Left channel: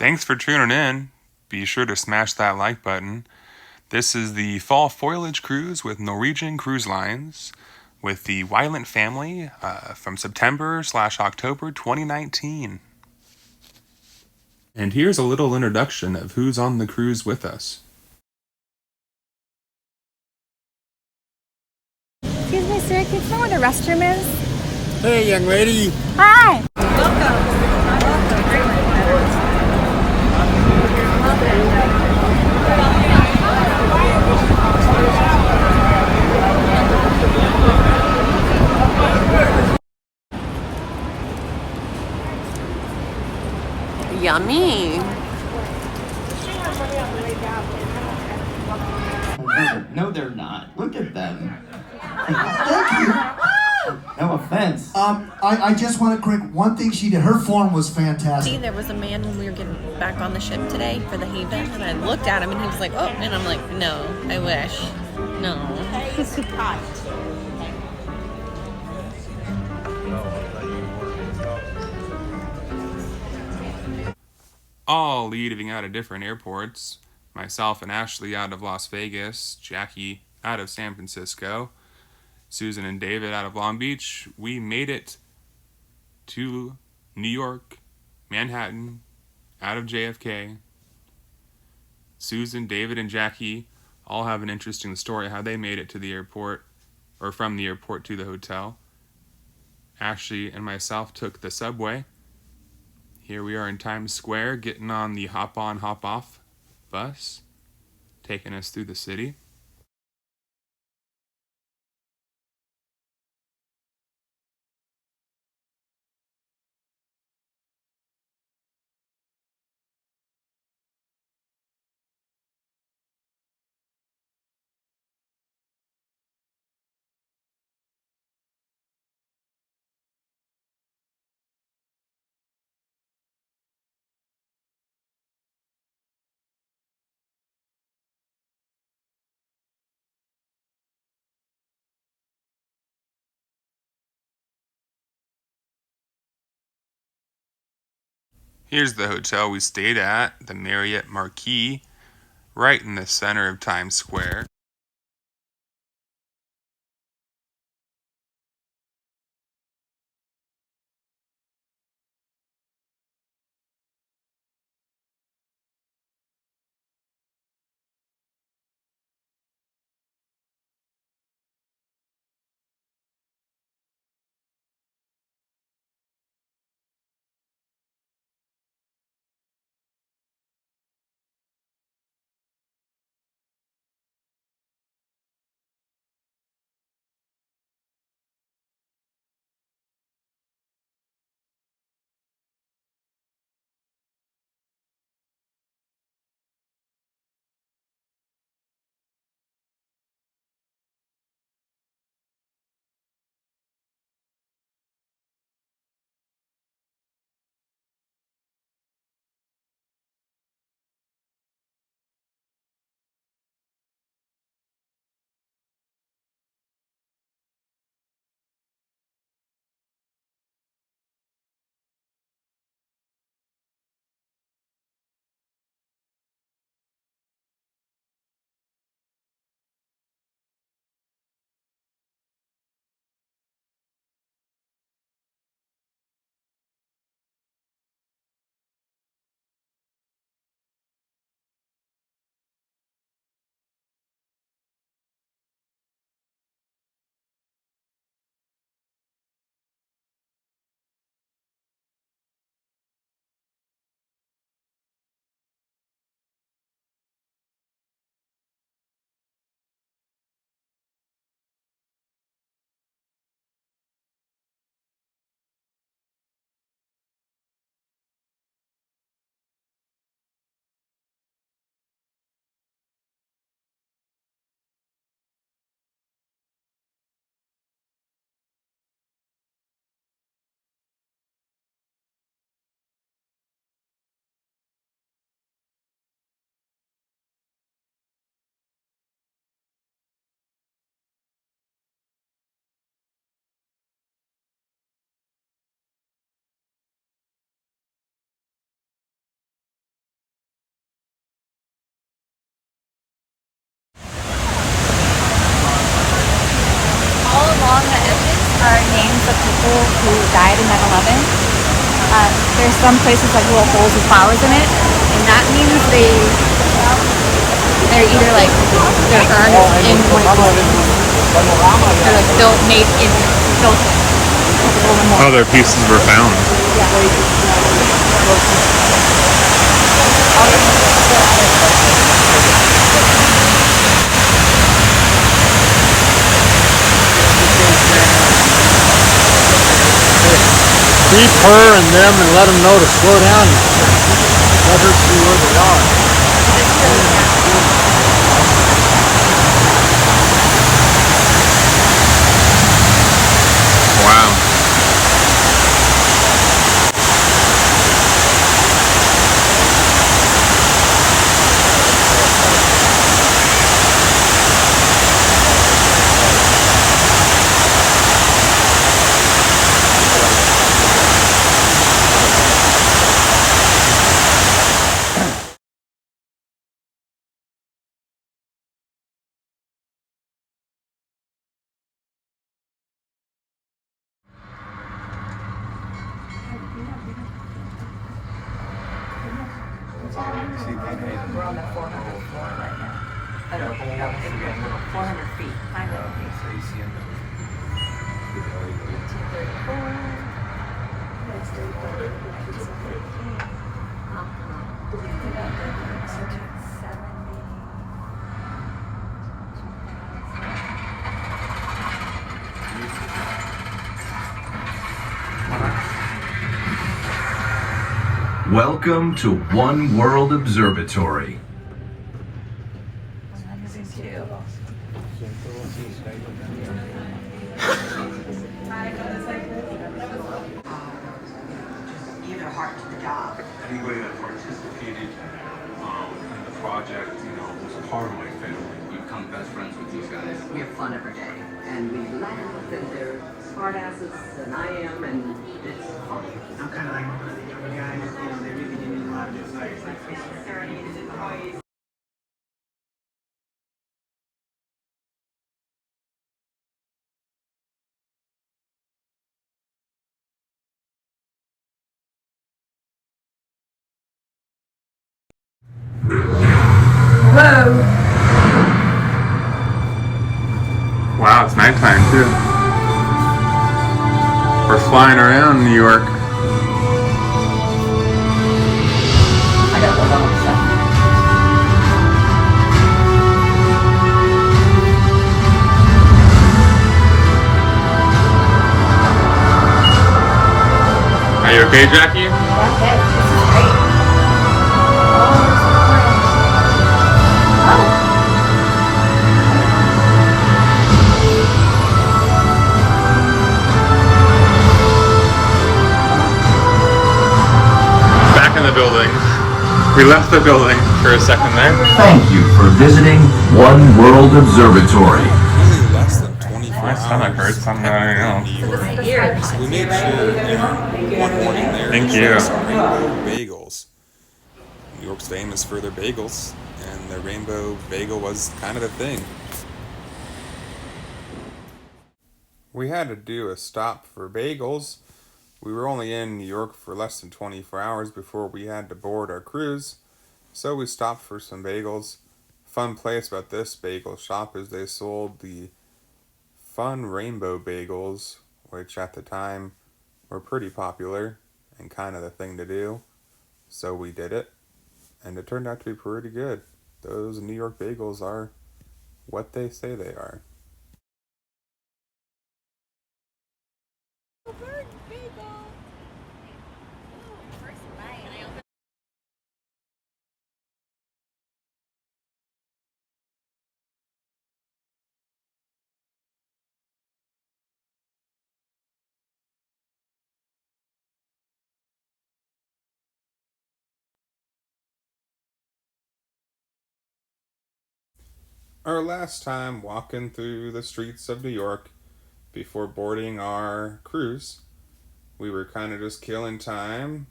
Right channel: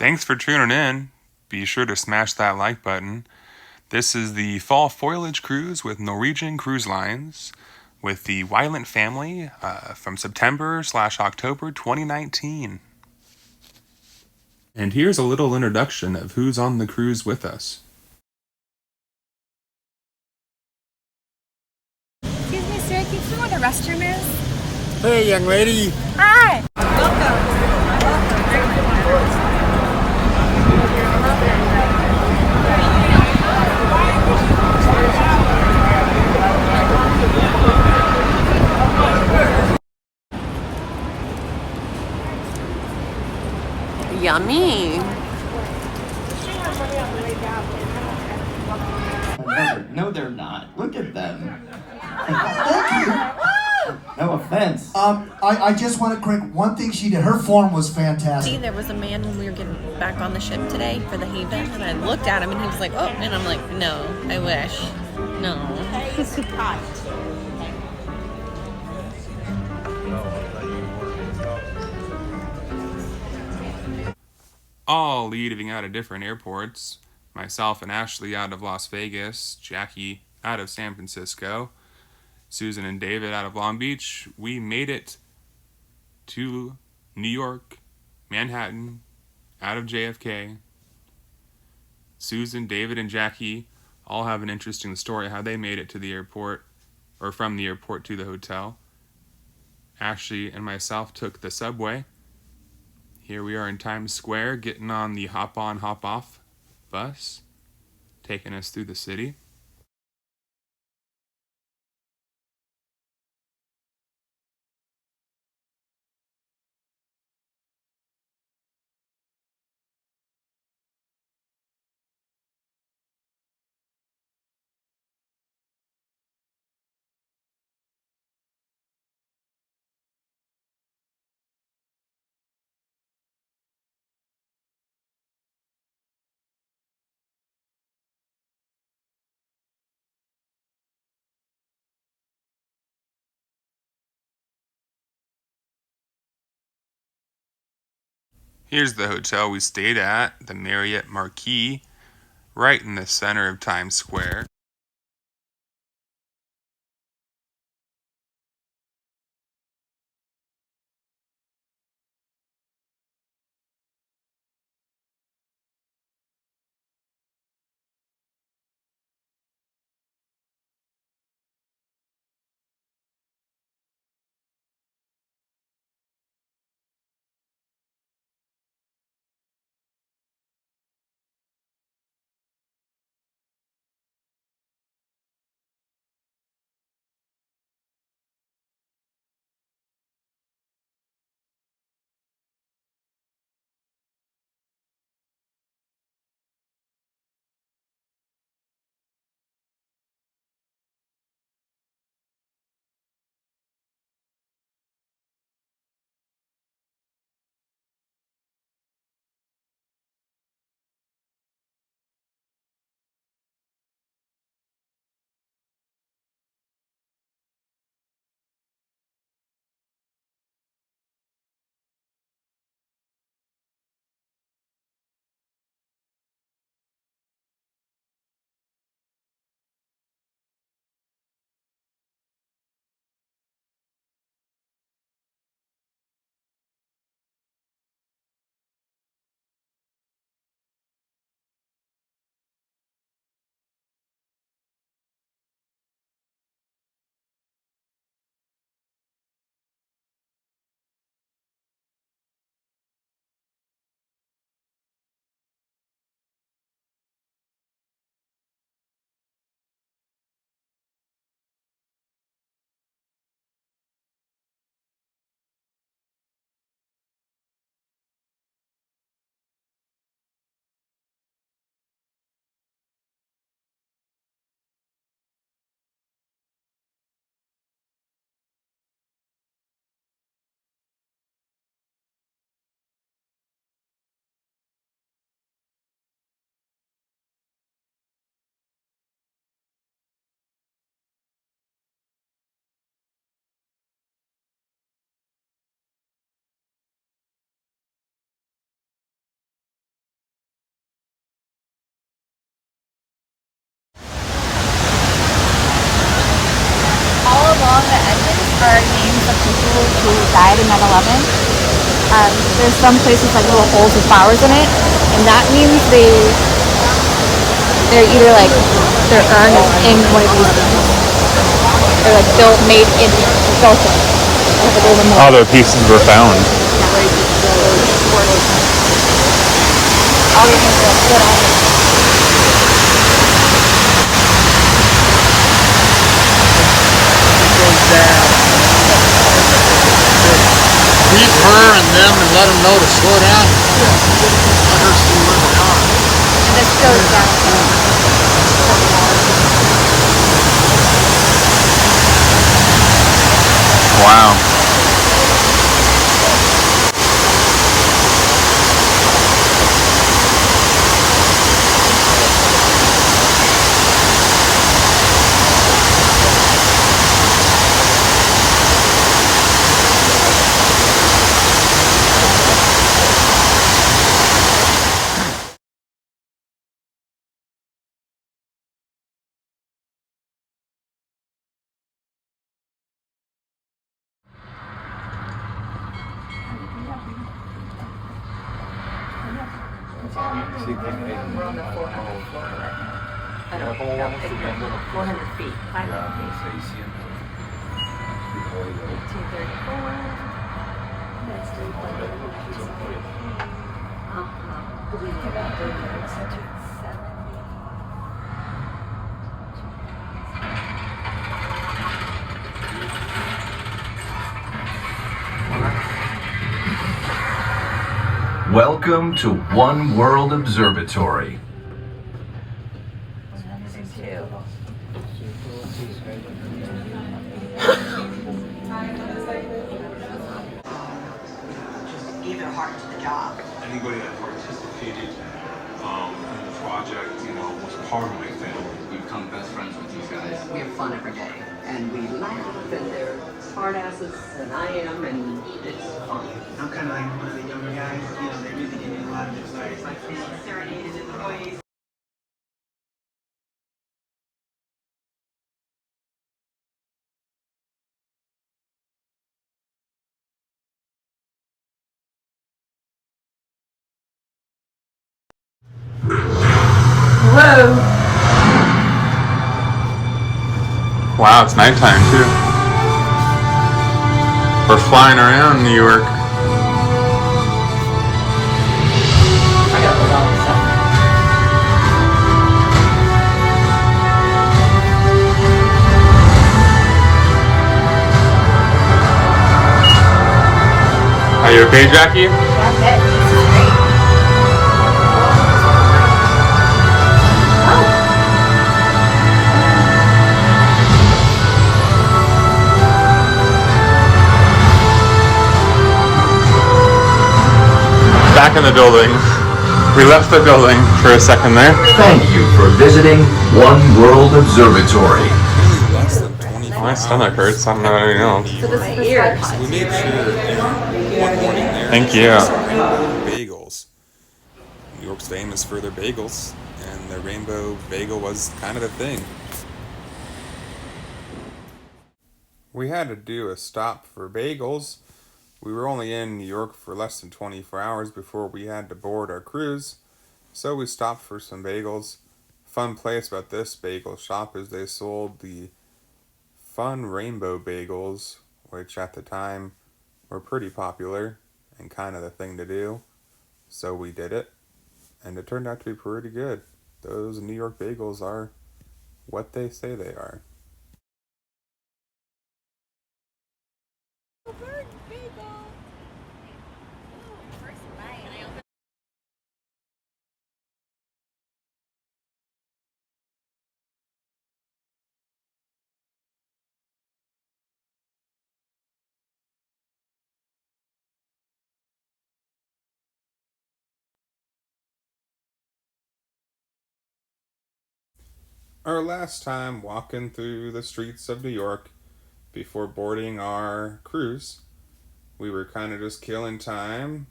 Thanks for tuning in. Be sure to smash that like button. This is the Fall Foliage Cruise with Norwegian Cruise Lines with the Wylant family from September/October 2019. And here's a little introduction of who's on the cruise with us. Excuse me, sir, can you tell where the restroom is? Hey, young lady. Hi! Welcome. Yummy. No, they're not. Look at them. Thank you. No offense. I just want to correct one thing she did. Her form was fantastic. See, there was a man when we were getting back on the ship today for the Haven, and I looked at him and he was like, oh, and I'm like, no, I wish. No. All leaving out of different airports. Myself and Ashley out of Las Vegas, Jackie out of San Francisco, Susan and David out of Long Beach. We made it to New York, Manhattan, out of JFK. Susan, David, and Jackie all have an interesting story how they made it to the airport, or from the airport to the hotel. Ashley and myself took the subway. Here we are in Times Square, getting on the hop-on, hop-off bus, taking us through the city. Here's the hotel we stayed at, the Marriott Marquis, right in the center of Times Square. of people who died in 9/11. There's some places like little holes with flowers in it, and that means they're either like they're in one of the buildings. They're like built made in built in. They have a little memorial. Other pieces were found. Beat her and them and let them know to slow down. Let her see where they are. Wow. We're on the 400th floor. I know, 400 feet, 500 feet. 234. That's 270. Welcome to One World Observatory. Anybody that participated in the project, was part of my family. You become best friends with these guys. We have fun every day, and we laugh, and they're smartasses, and I am, and it's fun. I'm kind of like one of the younger guys, they really give me a lot of this stuff. Wow, it's nighttime too. We're flying around New York. I got the wrong stuff. Are you okay, Jackie? Okay, this is great. Back in the building. We left the building for a second there. Thank you for visiting One World Observatory. Really less than 24 hours. My stomach hurts. I'm not even know. New York. So we made sure one morning there. Thank to you. try some rainbow bagels. New York's famous for their bagels, and the rainbow bagel was kind of a thing. We had to do a stop for bagels. We were only in New York for less than 24 hours before we had to board our cruise, so we stopped for some bagels. Fun place about this bagel shop is they sold the Fun Rainbow Bagels, which at the time were pretty popular and kind of the thing to do, so we did it, and it turned out to be pretty good. Those New York bagels are what they say they are. Our last time walking through the streets of New York before boarding our cruise, we were kind of just killing time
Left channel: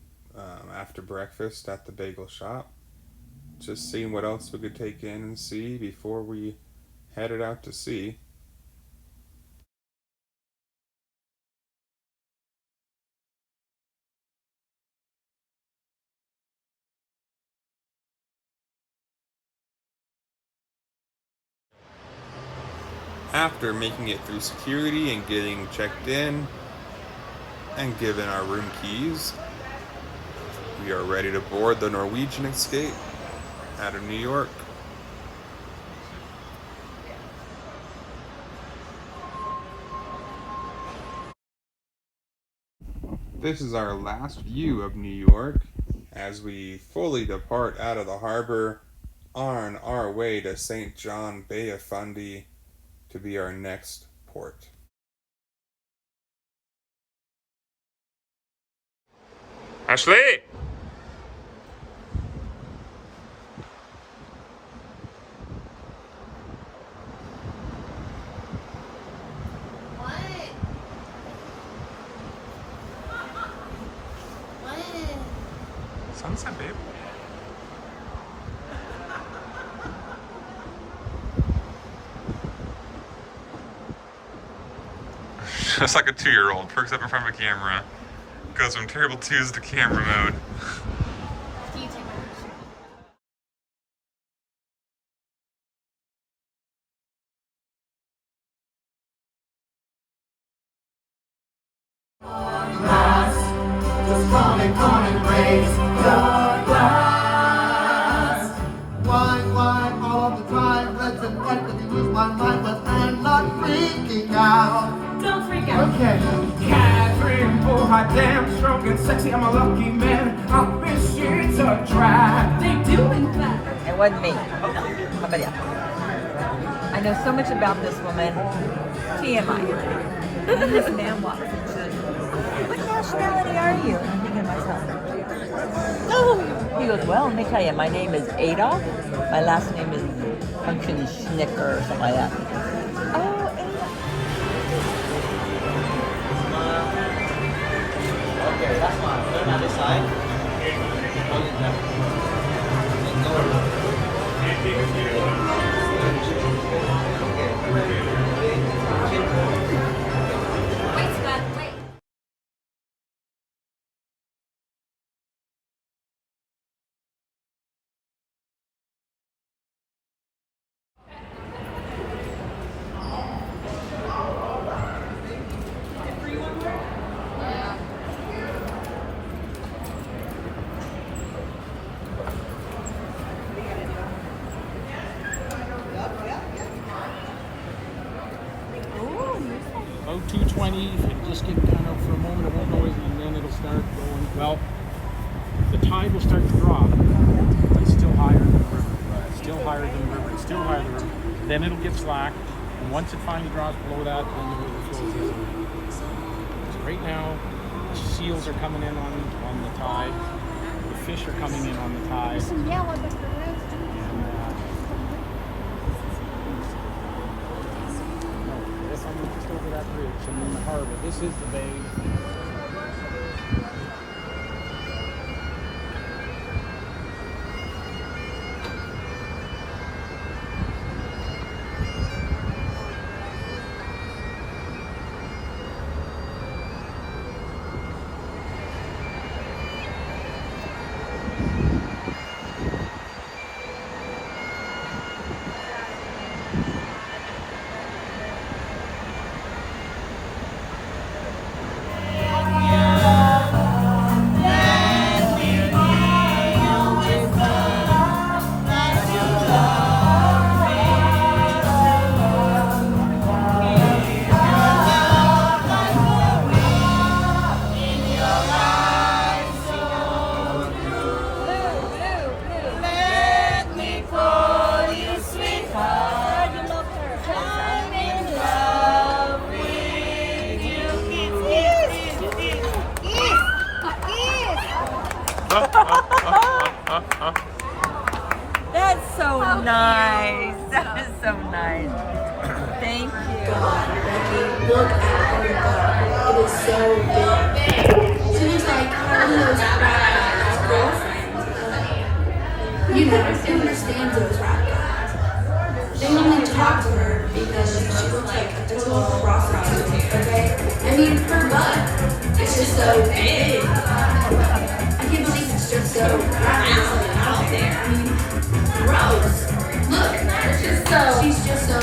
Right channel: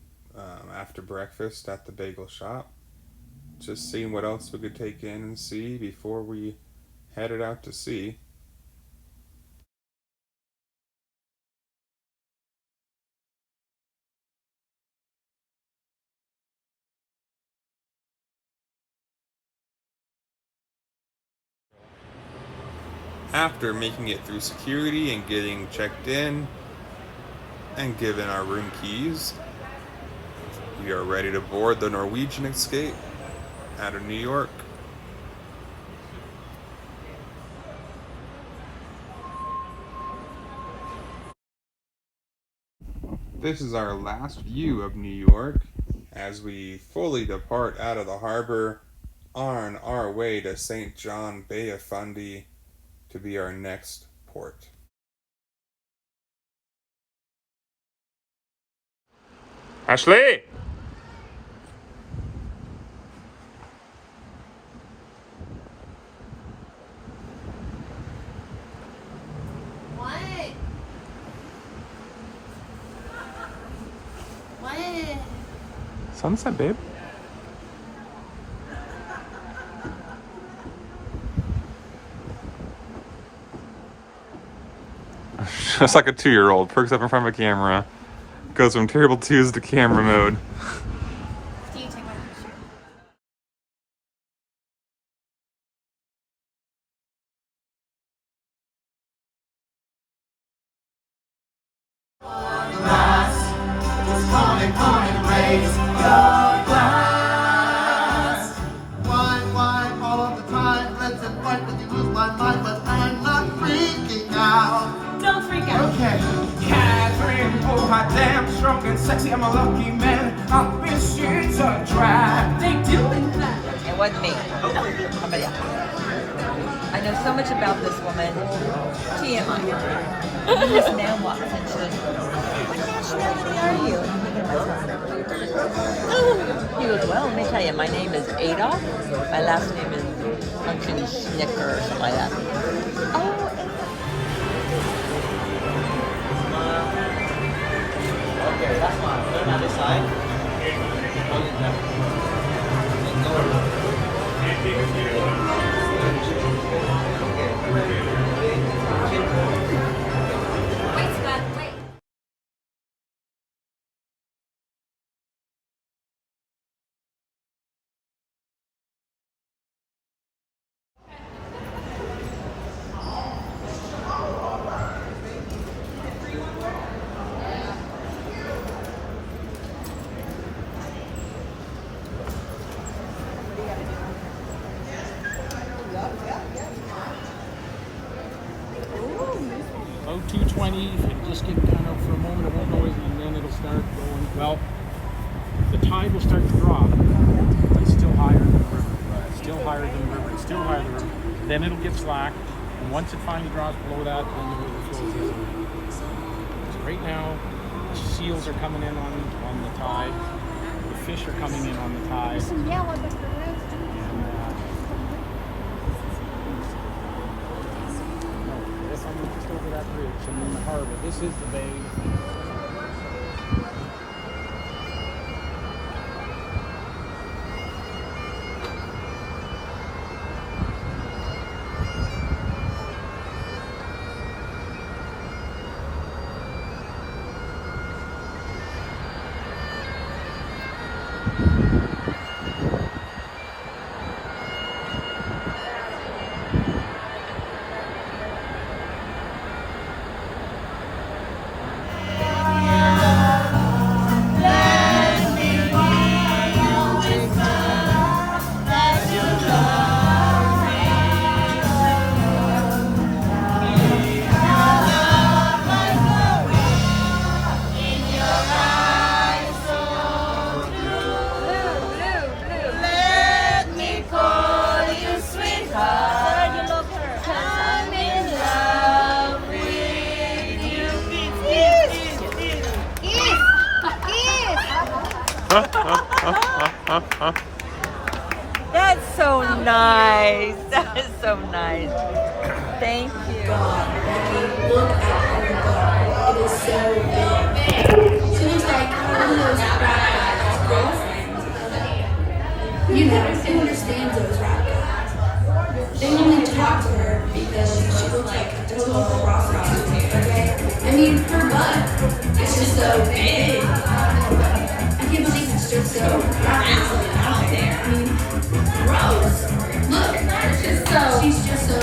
after breakfast at the bagel shop, just seeing what else we could take in and see before we headed out to sea. After making it through security and getting checked in and given our room keys, we are ready to board the Norwegian Escape out of New York. This is our last view of New York as we fully depart out of the harbor on our way to St. John Bay of Fundy to be our next port. Ashley! Sunset, babe. Just like a 2-year-old, perks up in front of a camera, goes from terrible twos to camera mode. Wine, all of the time. Let's invite me to lose my mind, but I'm not freaking out. Don't freak out. Okay. Catherine, oh hot damn, strong and sexy, I'm a lucky man. I wish it's a drag. They do in fact. It wasn't me. Somebody else. I know so much about this woman. TMI. And then this man walks in and says, "What nationality are you?" He goes, "Well, let me tell you, my name is Adolf. My last name is fucking Schnicker or something like that." Okay, that's fine. Put it on this side. Wait, Scott, wait. About 2:20, it'll just get kind of, for a moment it won't noise, and then it'll start going. Well, the tide will start to drop. It's still higher than the river. It's still higher than the river. It's still higher than the river. Then it'll get slack, and once it finally drops below that, then the river flows in. So right now, the seals are coming in on the tide. The fish are coming in on the tide. Yes, I'm just over that bridge. I'm in the harbor. This is the bay. That's so nice. That is so nice. Thank you. Look at how God. It is so big. She looks like one of those rap guys' girlfriends. You know, who understands those rap guys? They only talk to her because she looks like a total prostitute, okay? I mean, her butt is just so big. I can't believe it's just so round out there. I mean, gross. Look, she's just so